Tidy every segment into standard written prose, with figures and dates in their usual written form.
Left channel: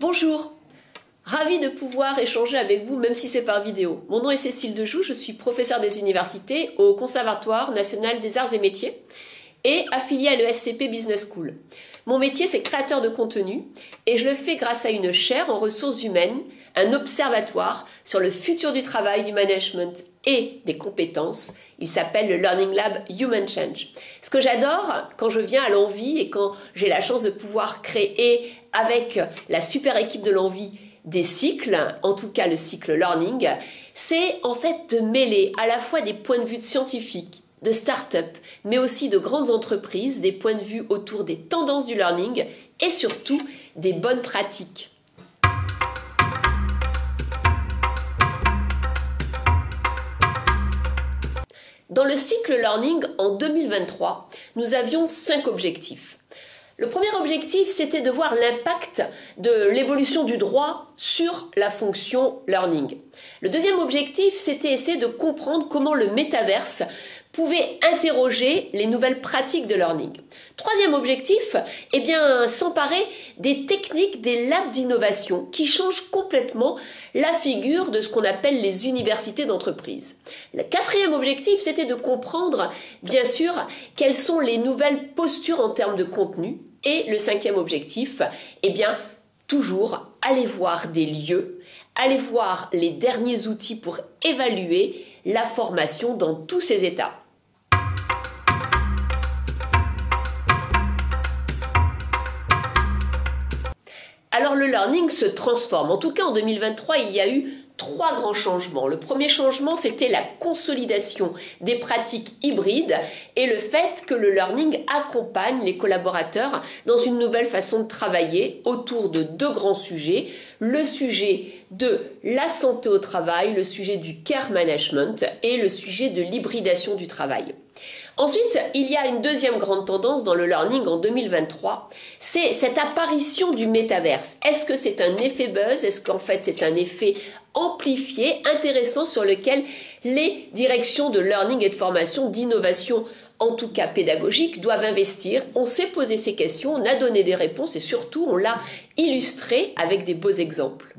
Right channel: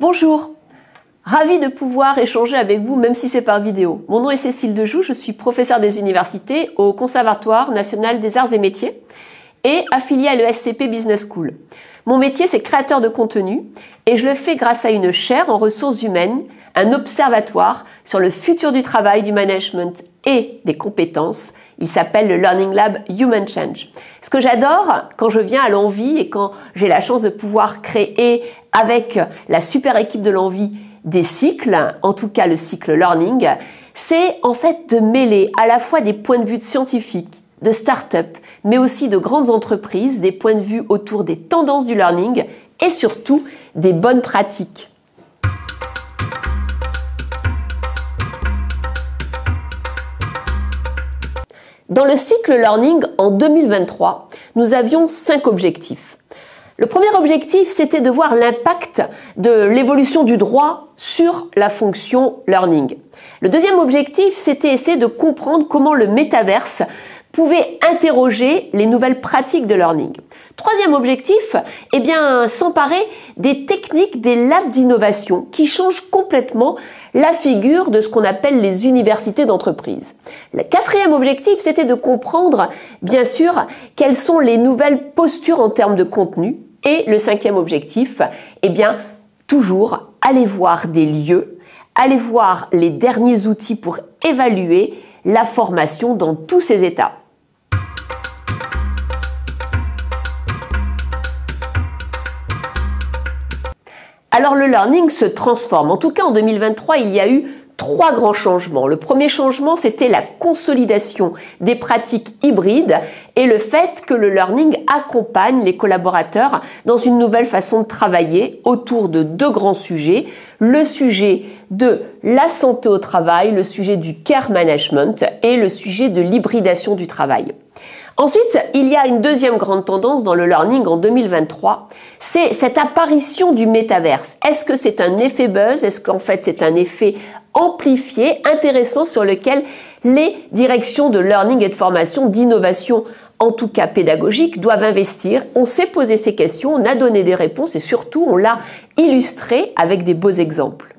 Bonjour, ravie de pouvoir échanger avec vous même si c'est par vidéo. Mon nom est Cécile Dejoux, je suis professeure des universités au Conservatoire national des arts et métiers et affiliée à l'ESCP Business School. Mon métier c'est créateur de contenu et je le fais grâce à une chaire en ressources humaines, un observatoire sur le futur du travail, du management et des compétences. Il s'appelle le Learning Lab Human Change. Ce que j'adore quand je viens à l'Envie et quand j'ai la chance de pouvoir créer avec la super équipe de l'Envie des cycles, en tout cas le cycle Learning, c'est en fait de mêler à la fois des points de vue de scientifiques, de start-up, mais aussi de grandes entreprises, des points de vue autour des tendances du learning et surtout des bonnes pratiques. Dans le cycle Learning en 2023, nous avions 5 objectifs. Le premier objectif, c'était de voir l'impact de l'évolution du droit sur la fonction Learning. Le deuxième objectif, c'était essayer de comprendre comment le métaverse pouvait interroger les nouvelles pratiques de learning. Troisième objectif, s'emparer des techniques des labs d'innovation qui changent complètement la figure de ce qu'on appelle les universités d'entreprise. Le quatrième objectif, c'était de comprendre, bien sûr, quelles sont les nouvelles postures en termes de contenu. Et le cinquième objectif, toujours aller voir des lieux, aller voir les derniers outils pour évaluer la formation dans tous ses états. Alors le learning se transforme. En tout cas, en 2023, il y a eu 3 grands changements. Le premier changement, c'était la consolidation des pratiques hybrides et le fait que le learning accompagne les collaborateurs dans une nouvelle façon de travailler autour de 2 grands sujets. Le sujet de la santé au travail, le sujet du care management et le sujet de l'hybridation du travail. Ensuite, il y a une deuxième grande tendance dans le learning en 2023, c'est cette apparition du métaverse. Est-ce que c'est un effet buzz? Est-ce qu'en fait c'est un effet amplifié, intéressant sur lequel les directions de learning et de formation, d'innovation, en tout cas pédagogique, doivent investir? On s'est posé ces questions, on a donné des réponses et surtout on l'a illustré avec des beaux exemples.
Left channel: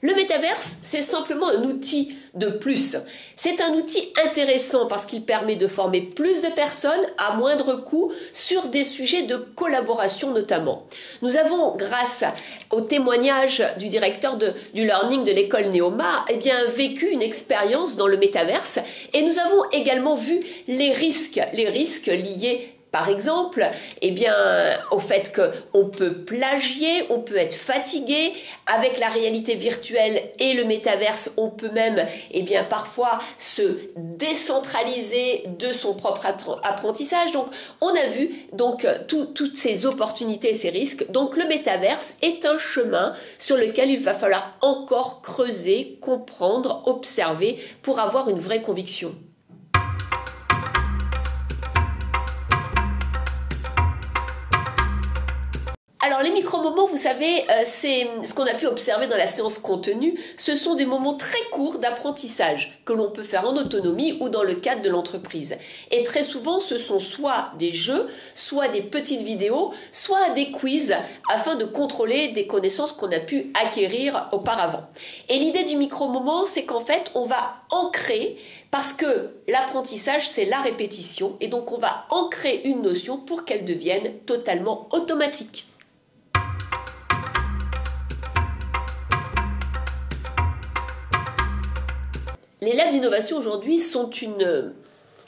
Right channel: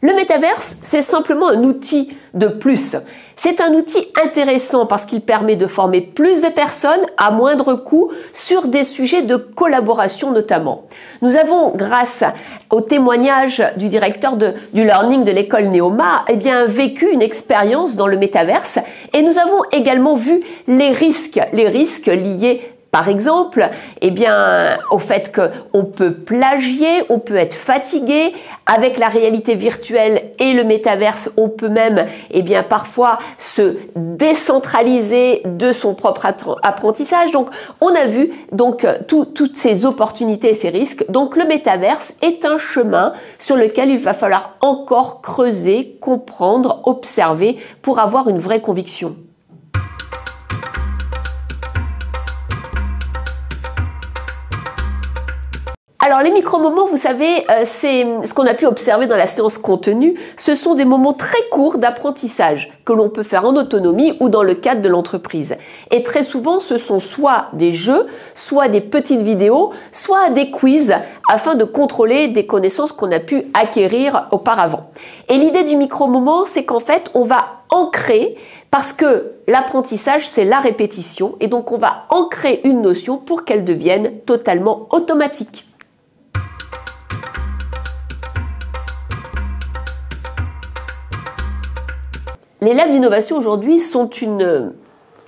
Le métaverse, c'est simplement un outil de plus. C'est un outil intéressant parce qu'il permet de former plus de personnes à moindre coût sur des sujets de collaboration notamment. Nous avons, grâce au témoignage du directeur du learning de l'école Neoma, vécu une expérience dans le métaverse et nous avons également vu les risques liés par exemple, au fait qu'on peut plagier, on peut être fatigué. Avec la réalité virtuelle et le métaverse, on peut même, parfois se décentraliser de son propre apprentissage. Donc, on a vu toutes ces opportunités et ces risques. Donc, le métaverse est un chemin sur lequel il va falloir encore creuser, comprendre, observer pour avoir une vraie conviction. Alors les micro-moments, vous savez, c'est ce qu'on a pu observer dans la séance contenu. Ce sont des moments très courts d'apprentissage que l'on peut faire en autonomie ou dans le cadre de l'entreprise. Et très souvent, ce sont soit des jeux, soit des petites vidéos, soit des quiz afin de contrôler des connaissances qu'on a pu acquérir auparavant. Et l'idée du micro-moment, c'est qu'en fait, on va ancrer parce que l'apprentissage, c'est la répétition et donc on va ancrer une notion pour qu'elle devienne totalement automatique. Les labs d'innovation aujourd'hui sont une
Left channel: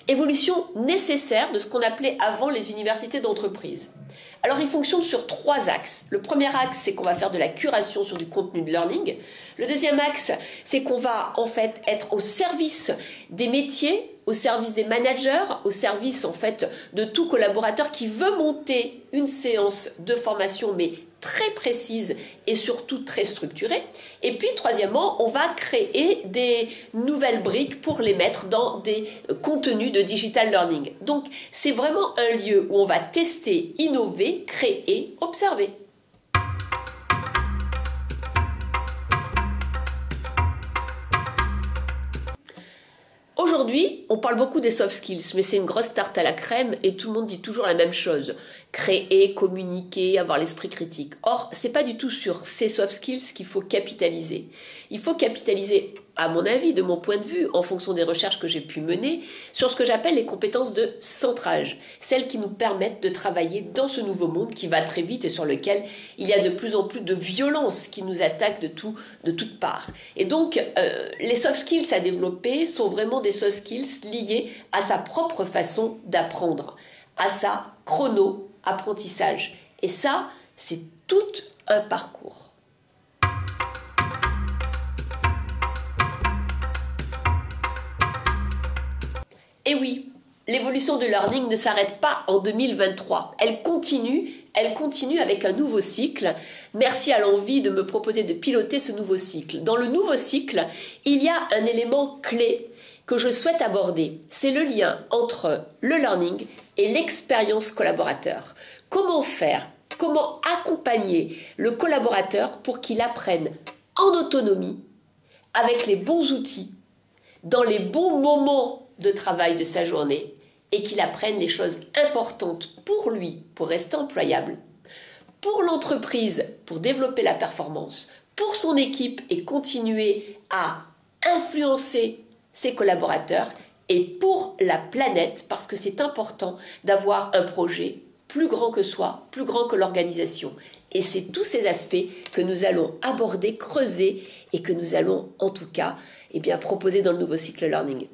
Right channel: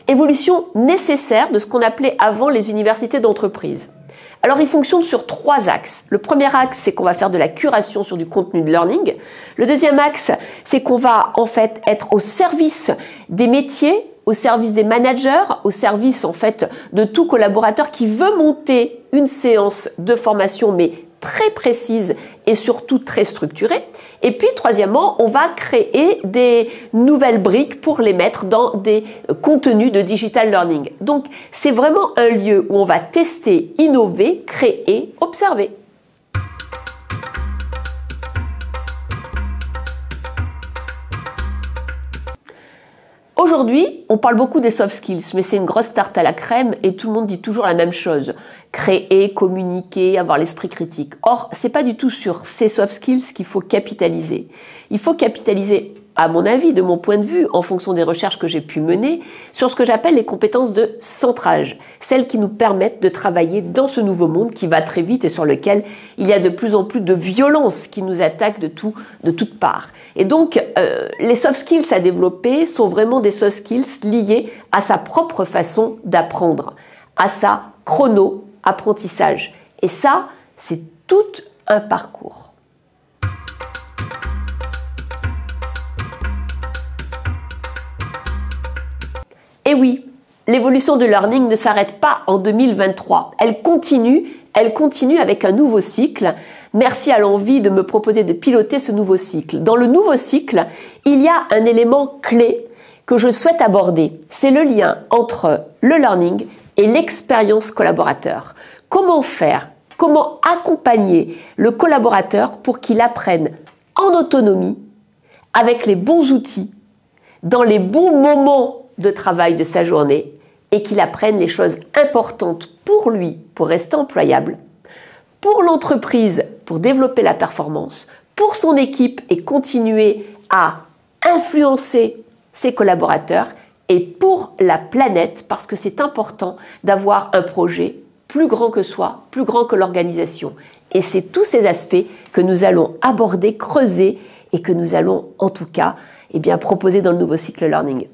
évolution nécessaire de ce qu'on appelait avant les universités d'entreprise. Alors, ils fonctionnent sur 3 axes. Le premier axe, c'est qu'on va faire de la curation sur du contenu de learning. Le deuxième axe, c'est qu'on va en fait être au service des métiers, au service des managers, au service en fait de tout collaborateur qui veut monter une séance de formation, mais très précise et surtout très structurée. Et puis, troisièmement, on va créer des nouvelles briques pour les mettre dans des contenus de digital learning. Donc, c'est vraiment un lieu où on va tester, innover, créer, observer. Aujourd'hui, on parle beaucoup des soft skills, mais c'est une grosse tarte à la crème et tout le monde dit toujours la même chose. Créer, communiquer, avoir l'esprit critique. Or, c'est pas du tout sur ces soft skills qu'il faut capitaliser. Il faut capitaliser, à mon avis, de mon point de vue, en fonction des recherches que j'ai pu mener, sur ce que j'appelle les compétences de centrage. Celles qui nous permettent de travailler dans ce nouveau monde qui va très vite et sur lequel il y a de plus en plus de violence qui nous attaque de toutes parts. Et donc, les soft skills à développer sont vraiment des soft skills liés à sa propre façon d'apprendre, à sa chrono-apprentissage. Et ça, c'est tout un parcours. Et oui, l'évolution de learning ne s'arrête pas en 2023. Elle continue avec un nouveau cycle. Merci à l'envie de me proposer de piloter ce nouveau cycle. Dans le nouveau cycle, il y a un élément clé que je souhaite aborder. C'est le lien entre le learning et l'expérience collaborateur. Comment faire? Comment accompagner le collaborateur pour qu'il apprenne en autonomie, avec les bons outils, dans les bons moments de travail de sa journée et qu'il apprenne les choses importantes pour lui, pour rester employable, pour l'entreprise, pour développer la performance, pour son équipe et continuer à influencer ses collaborateurs et pour la planète parce que c'est important d'avoir un projet plus grand que soi, plus grand que l'organisation. Et c'est tous ces aspects que nous allons aborder, creuser et que nous allons en tout cas proposer dans le nouveau cycle learning.